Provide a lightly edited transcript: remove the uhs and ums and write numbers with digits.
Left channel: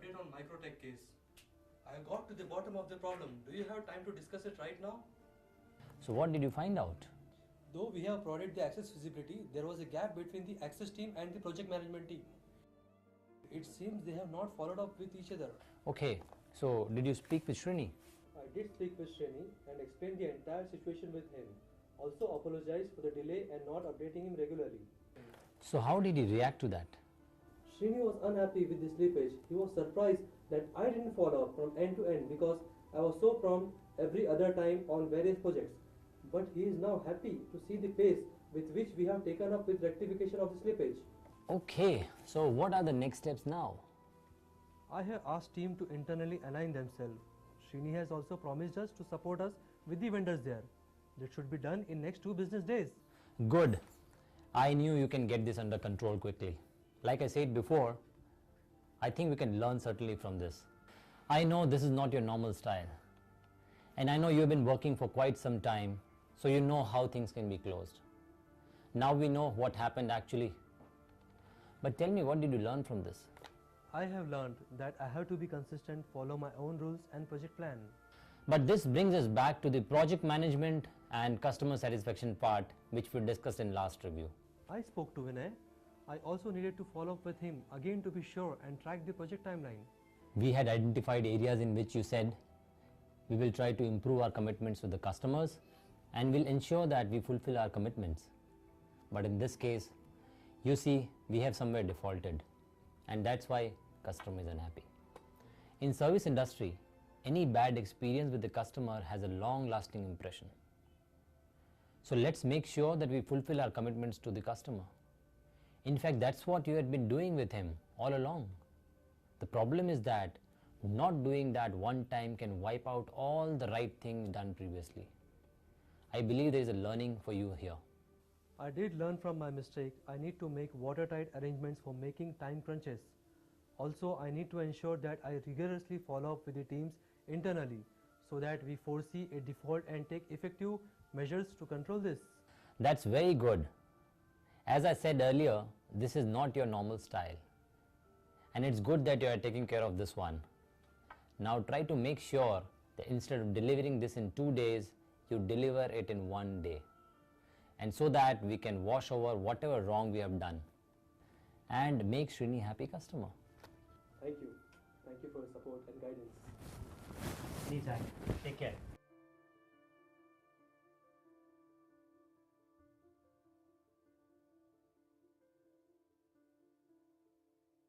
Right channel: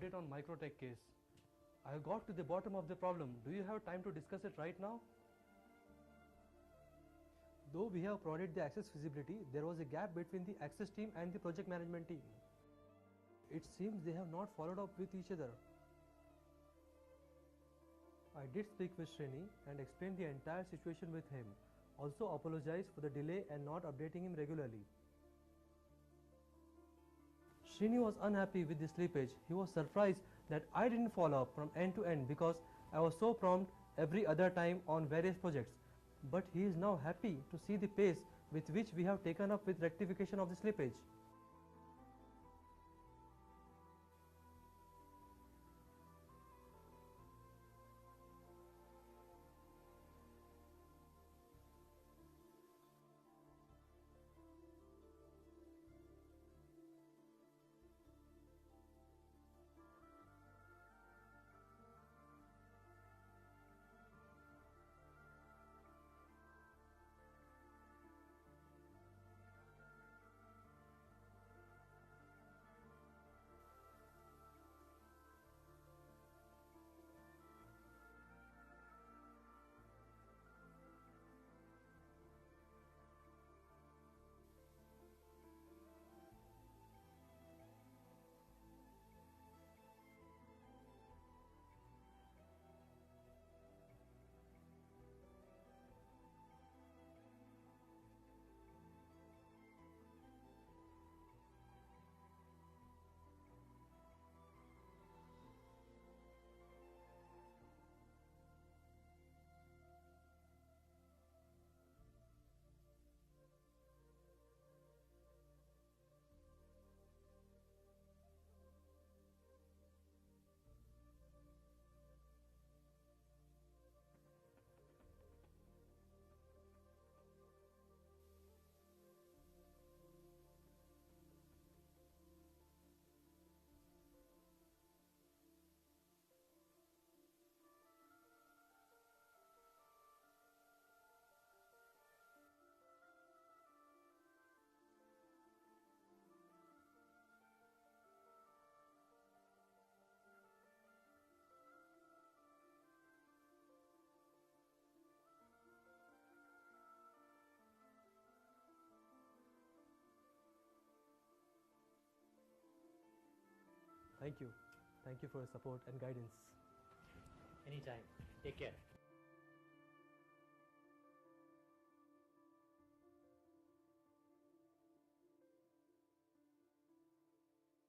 update on Microtech case. I got to the bottom of the problem. Do you have time to discuss it right now? So what did you find out? Though we have provided the access feasibility, there was a gap between the access team and the project management team. It seems they have not followed up with each other. Okay, so did you speak with Srini? I did speak with Srini and explained the entire situation with him. Also apologized for the delay and not updating him regularly. So how did he react to that? Srini was unhappy with the slippage. He was surprised that I didn't follow up from end to end because I was so prompt every other time on various projects. But he is now happy to see the pace with which we have taken up with rectification of the slippage. Okay, so what are the next steps now? I have asked team to internally align themselves. Srini has also promised us to support us with the vendors there. That should be done in next 2 business days. Good. I knew you can get this under control quickly. Like I said before, I think we can learn certainly from this. I know this is not your normal style. And I know you've been working for quite some time, so you know how things can be closed. Now we know what happened actually. But tell me, what did you learn from this? I have learned that I have to be consistent, follow my own rules and project plan. But this brings us back to the project management and customer satisfaction part, which we discussed in last review. I spoke to Vinay. I also needed to follow up with him again to be sure and track the project timeline. We had identified areas in which you said we will try to improve our commitments to the customers and will ensure that we fulfill our commitments. But in this case, you see, we have somewhere defaulted, and that's why customer is unhappy. In service industry, any bad experience with the customer has a long-lasting impression. So let's make sure that we fulfill our commitments to the customer. In fact, that's what you had been doing with him all along. The problem is that not doing that one time can wipe out all the right things done previously. I believe there is a learning for you here. I did learn from my mistake. I need to make watertight arrangements for making time crunches. Also, I need to ensure that I rigorously follow up with the teams internally so that we foresee a default and take effective measures to control this. That's very good. As I said earlier, this is not your normal style. And it's good that you are taking care of this one. Now try to make sure that instead of delivering this in 2 days, you deliver it in 1 day. And so that we can wash over whatever wrong we have done and make Srini happy customer. Thank you. Thank you for your support and guidance. Anytime. Take care.